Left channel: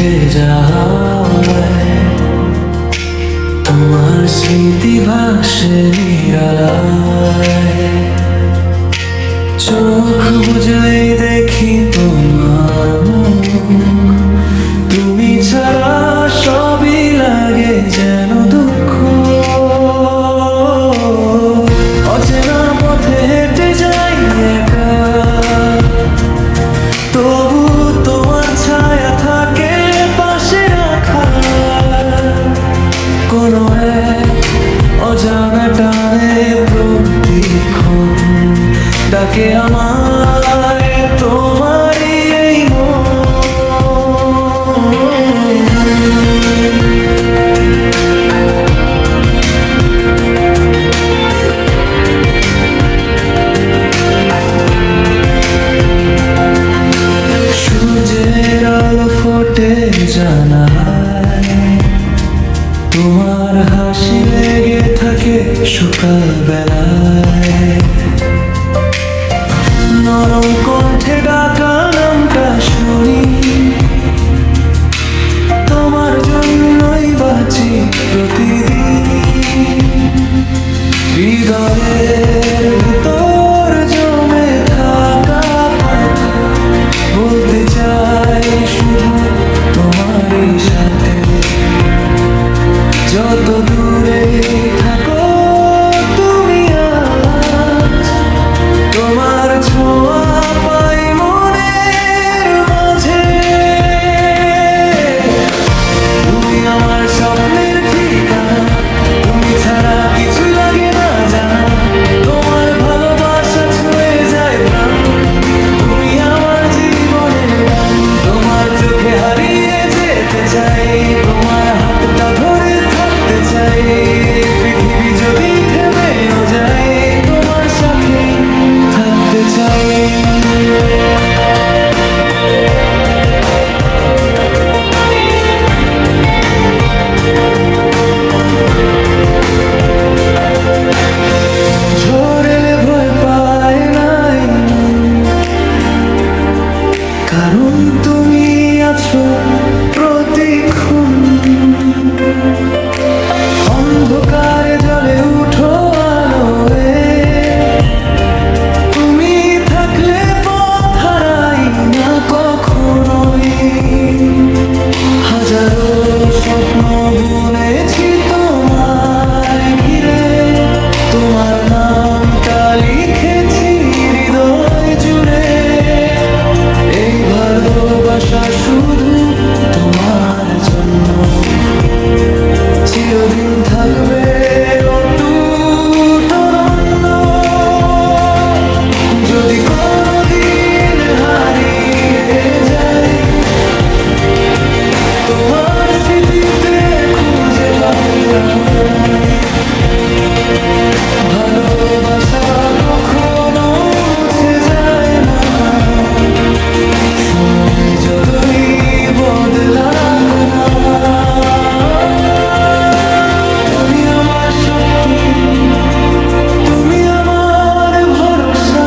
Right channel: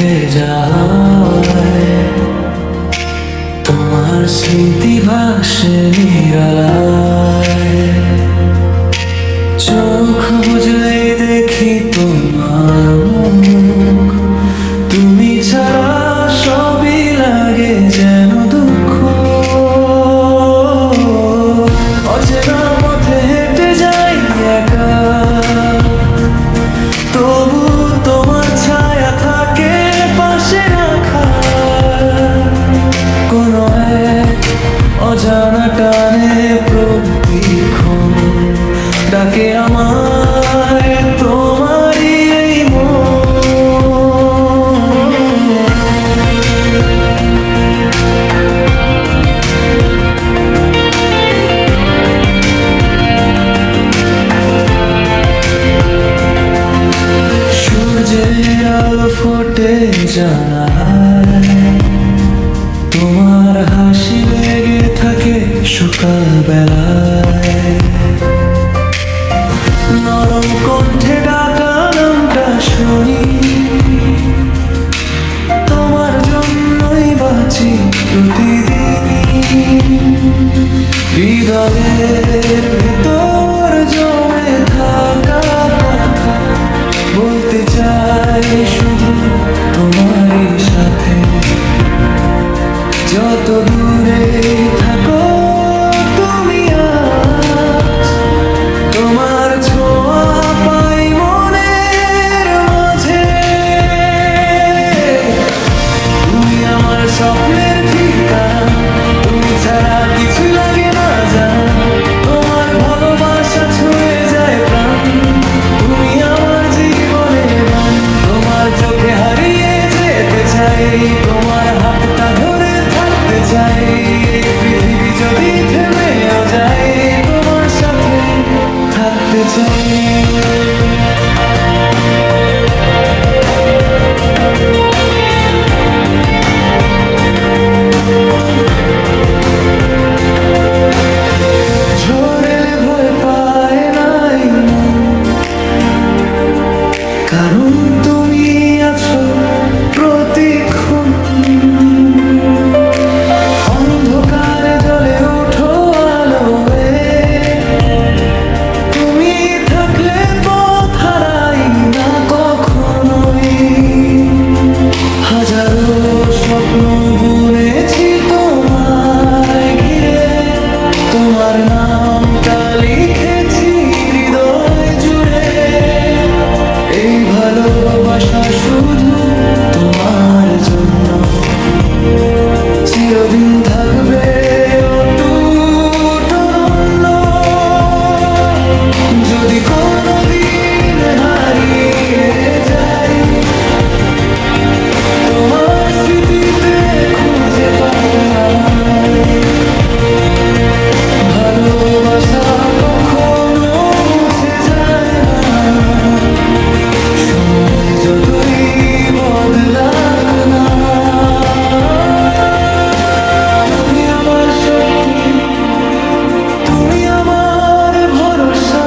উঠে যায়, তোমার স্মৃতি ভাসে নিরালায়। চোখ বুঝলেই দেখি তোমার মুখ, তুমি ছাড়া সবই লাগে যেন দুঃখ। অচেনা পথে হেঁটে যাই একা, তবু তোমার ছায়া থাকে পাশে রাখা। কোনো এক অজানা টানে প্রতিক্ষণ ডাকে আমায় তোমারই এই সূর্যের আলো ফোটে জানালায়, তোমার হাসি লেগে থাকে সকাল বেলায়। নরম কণ্ঠে ডাকা নামটা শুনি, তোমার জন্যই বাঁচি প্রতিদিন। হৃদয়ের ভেতর জমে থাকা কথা বলতে চাই শুধু তোমারই সাথে। যত দূরে থাকো তুমি আজ, তোমার ছোঁয়া পাই মনের মাঝে। তুমি আমার স্বপ্নের ঠিকানা, তুমি ছাড়া কিছুই লাগে না জানা। তোমার ভালোবাসা ছুঁয়ে যায় প্রাণ, তুমি আমার জীবনের গান। তোমার চোখে হারিয়ে যেতে চাই, তোমার হাতটা ধরে থাকতে চাই। পৃথিবী যদি থেমেও যায়, তোমার সাথে থাকতে চাই। ঝড় এলে ভয় পায় নাই মন, কারণ তুমি আছো প্রতিক্ষণ। অন্ধকারে জ্বলে উঠো আলোয়, তুমি থাকলে পথ হারাই না কখনোই। হাজারো স্বপ্ন বুনেছি তোমায় ঘিরে, তোমার নামটা লিখেছি হৃদয় জুড়ে। এই ভালোবাসা শুধু তোমার জন্য, চিরদিন থাকবে অটুট অনন্য। যদি কোনোদিন হারিয়ে যাই, তোমার স্মৃতিতে খুঁজে পাবে আমায়। ভালোবাসা কখনো মুছে যায় না, সময় যতই বদলাক না। তুমি আমার শক্তি, তুমি আমার ভরসা,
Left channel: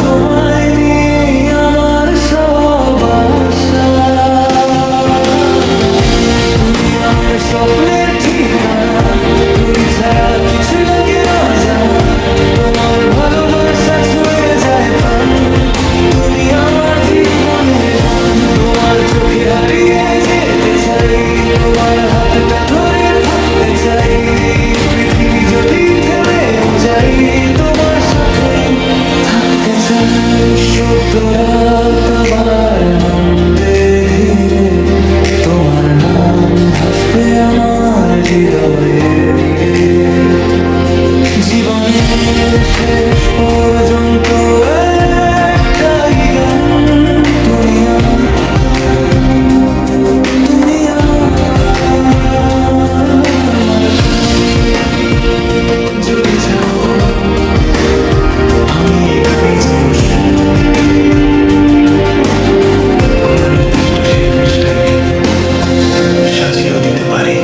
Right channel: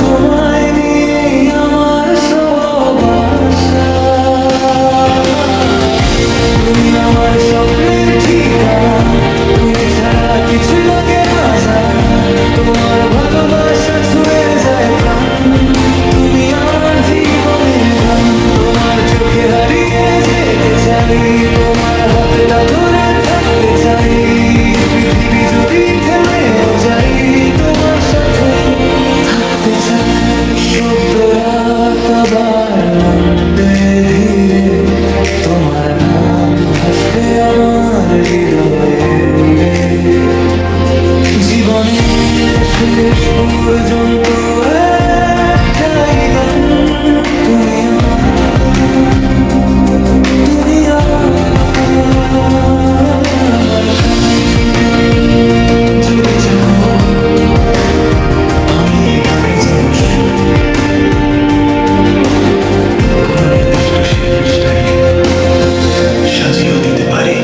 তোমায় নিয়ে আমার সব আশা। তুমি আমার স্বপ্নের ঠিকানা, তুমি ছাড়া কিছু লাগে না জানা। তোমার ভালোবাসা ছুঁয়ে যায় প্রাণ, তুমি আমার জীবনের গান। তোমার চোখে হারিয়ে যেতে চাই, তোমার হাতটা ধরে থাকতে চাই। পৃথিবী যদি থেমেও যাই, তোমার সাথে থাকতে চাই। সদ্য রাত আবার নামবে ধীরে, তোমার নাম ভাসবে আমার হৃদয়ের নীড়ে। জীবনের শেষ পর্যন্ত একটাই গান, তুমি আমার, তুমি আমার গান। যদি চাও আমি এই গানে যেন কোনো নির্দিষ্ট শিল্পীর স্টাইলে সাজিয়েও দিতে পারি।